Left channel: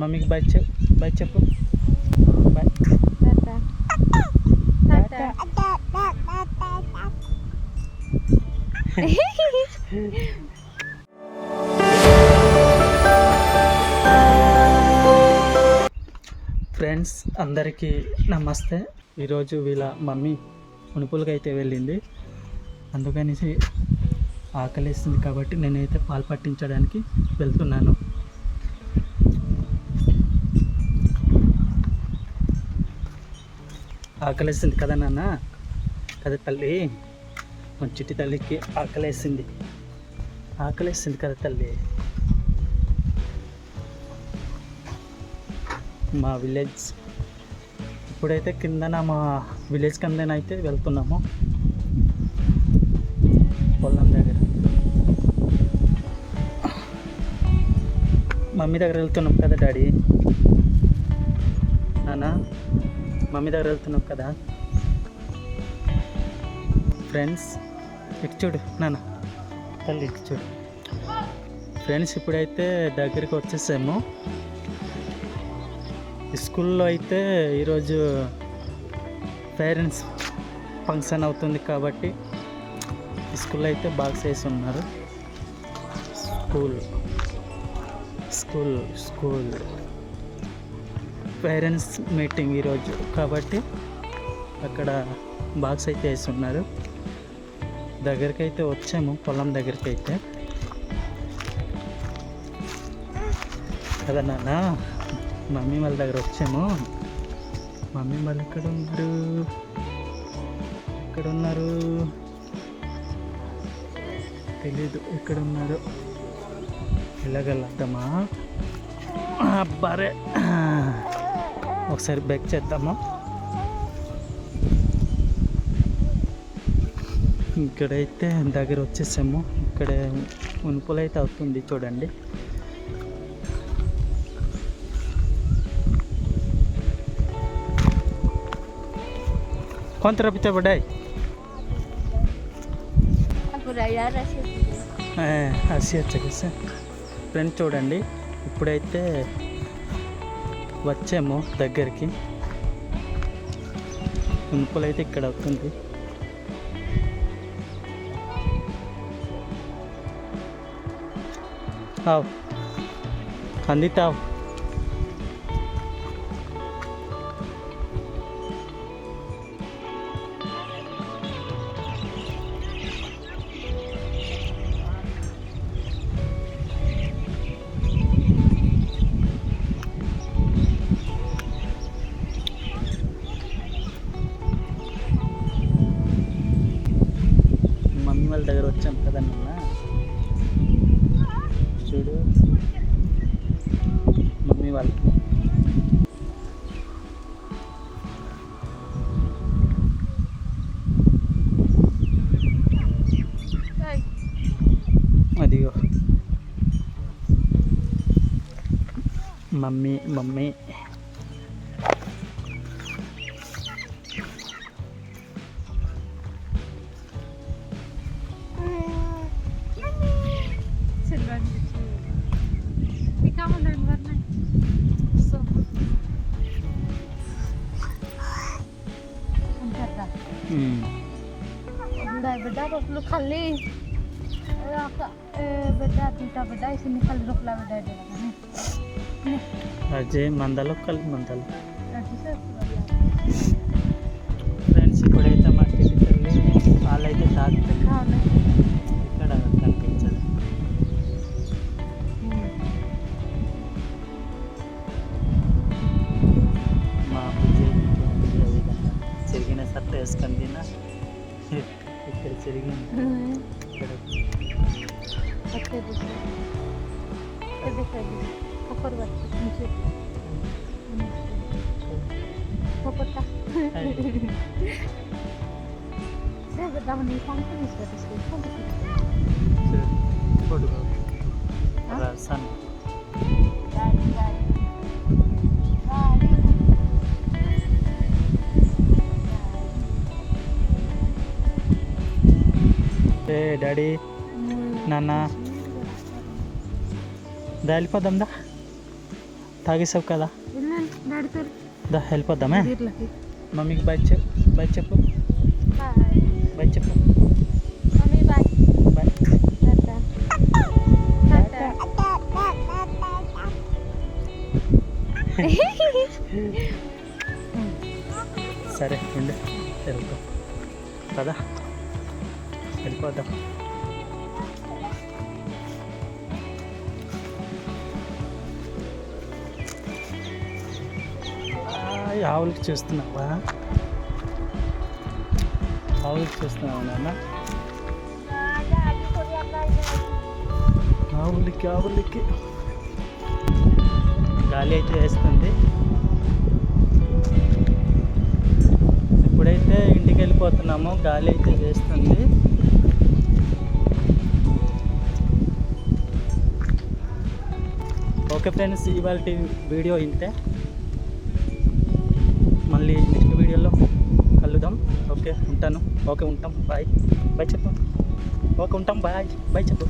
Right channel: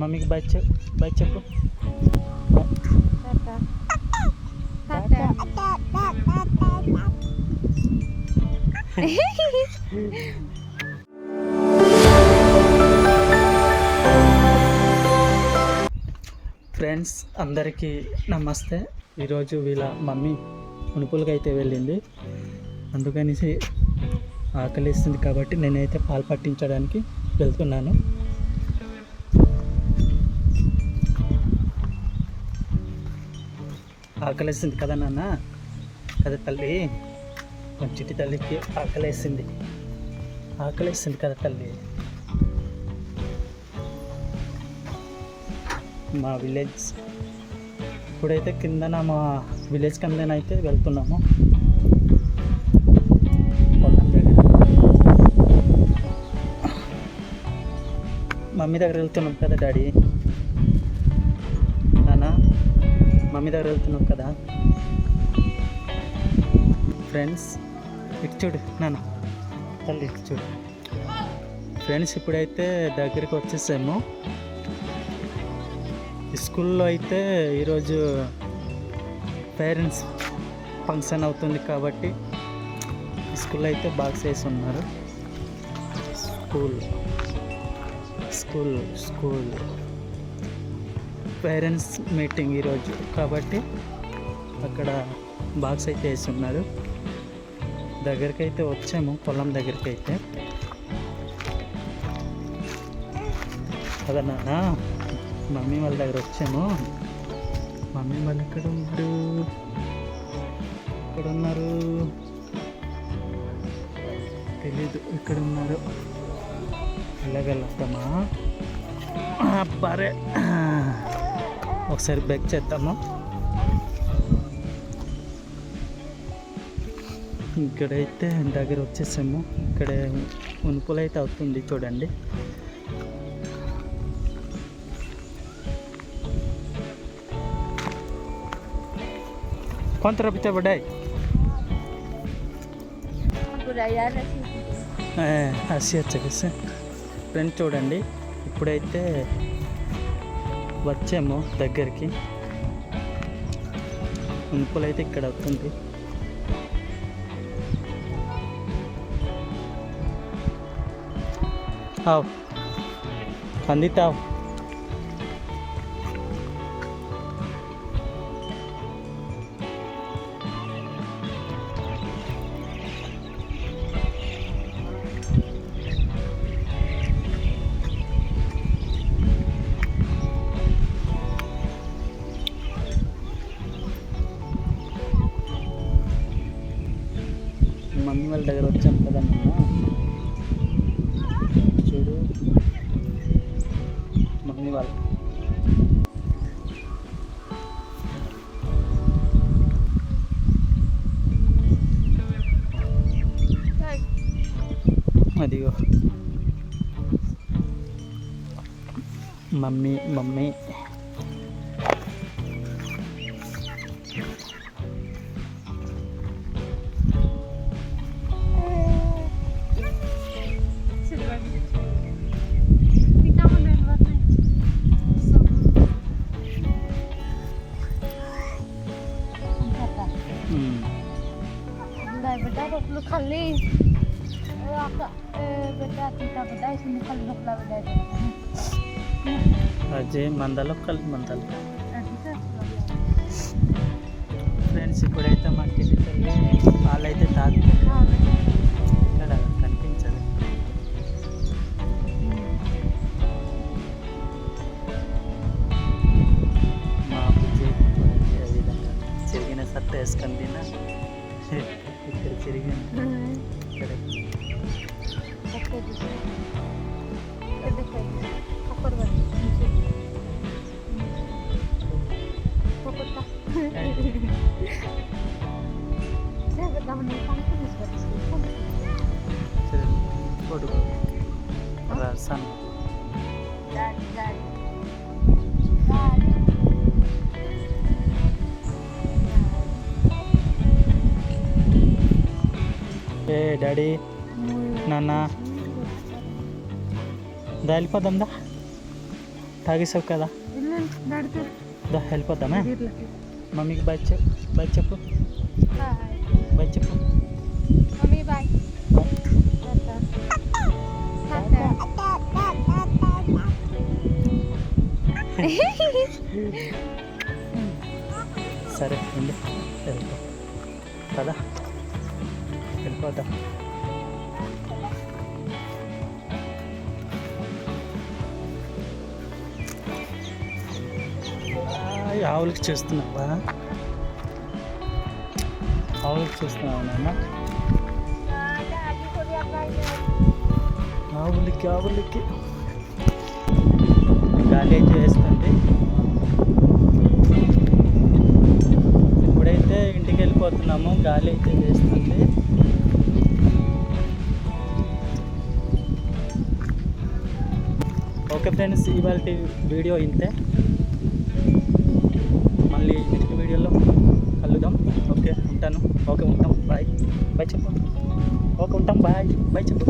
మమ్మీకి బాయ్ చెప్పు bye. Friends అందరికీ నమస్తే. ఈరోజు వీళ్ళ మమ్మీ మునుపులకి అయితే వెళ్ళింది, అందుకనేసి ఆకలిస్తుంది కాబట్టి నేనైతే పాలు పట్టించడానికి వెళ్తున్నాను. ఆకలిస్తుంది కదా నాన్న, కదా తల్లి, మన చిట్టి తల్లికి ఆకలేస్తుంది కదా తల్లి. మా విలేజ్ ఇప్పుడైతే మా విలేజ్ కిందనైతే వెళ్తున్నాము, పొలం దగ్గర. మమ్మీ దగ్గర వెళ్తున్నాం కదా డాడీ, నాన్న మమ్మీ దగ్గర వెళ్తున్నాం కదా. ఫ్రెండ్స్ ఇటు చూడు నాన్న, తల్లి ఇటు చూడు. ఫ్రెండ్స్ ఇప్పుడైతే దగ్గరికి వచ్చేసాము. స్కూల్లో అయితే ఈరోజు పేరెంట్స్ ఫంక్షన్ అవుతుంది కాబట్టి స్కూల్లో అయితే బాక్స్ వేసి ఉన్నారు. స్కూల్ పేరెంట్స్ మీటింగ్ ఈరోజు కాబట్టి అక్కడ బాక్స్ అయితే వేసి ఉన్నారు. దగ్గరికి అయితే వచ్చాము, పొలం దగ్గరికి అయితే కదా నాన్న. మమ్మీ వాళ్ళ దగ్గర వచ్చాము. మమ్మీ వాళ్ళు ఇక్కడ ఉన్నారు తెలీదు, ఇక్కడ ఉన్నారు. వెళ్ళగలుగుతామా? బరే ఒకసారి బెక్ చేద్దాము. ఇక్కడైతే దగ్గర వచ్చేసాము. ఇక్కడ ఉనుపులు అయితే అవుతుంది చూడండి. కొంత రప్పితే పడ్డాయి వచ్చేసి. ఫ్రెండ్ చూడండి, ఇప్పుడైతే వచ్చాము దగ్గరికి. ఉనుపులు అయితే ఇక్కడ అవుతుంది. అందితావు మమ్మీ వాళ్ళ దగ్గర వచ్చాం కదా నిన్న. చూడు మమ్మీ వాళ్ళు అదిగో మమ్మీ खाली बेटा टीका बेटा इसमें खाली रुकला बेटा అజయ్ మందలో కలిపి మందలు. ఫ్రెండ్స్ ఇప్పుడైతే మా చిట్టి తల్లి పాలైతే తాగుతుంది. ఇక్కడ కనిపించదు. మా విజయ్ విధంగా తిరిగిన సట్ట వేసుకొని తిన్నా. ఇక్కడ తిరిగింది, ఇక్కడ రసం డాడీ నాన్న దా వెళ్ళిపోదాం. తాగేసావు కదా నడుతారు దా వెళ్ళిపోద్దామే వీళ్ళకి మమ్మీకి బాయ్ బాయ్ చెప్పు బాయ్ చెప్పు మమ్మీ బాయ్ బాయ్ సరే ఉండు వెళ్ళిపో కదా వెళ్ళిపోతాం ఆవులకి చూస్తున్నావా ఆవులకి చూస్తున్నావా నాన్న ఆవులకి గాలి అయితే వేస్తుంది ఇప్పుడైతే ఇంటికి వెళ్ళిపోతున్నాము గాలి అయితే వేస్తుంది ఓకే ఫ్రెండ్స్ ఇవాళ వీడియో ఇంతే మళ్ళీ నెక్స్ట్ వీడియోలో కలుద్దాం ఓకే ఉంటాను ఓకే ఉంటాం బాయ్ బాయ్ చెప్పు ఓకే ఉంటాం బాయ్ బాయ్ చెప్పు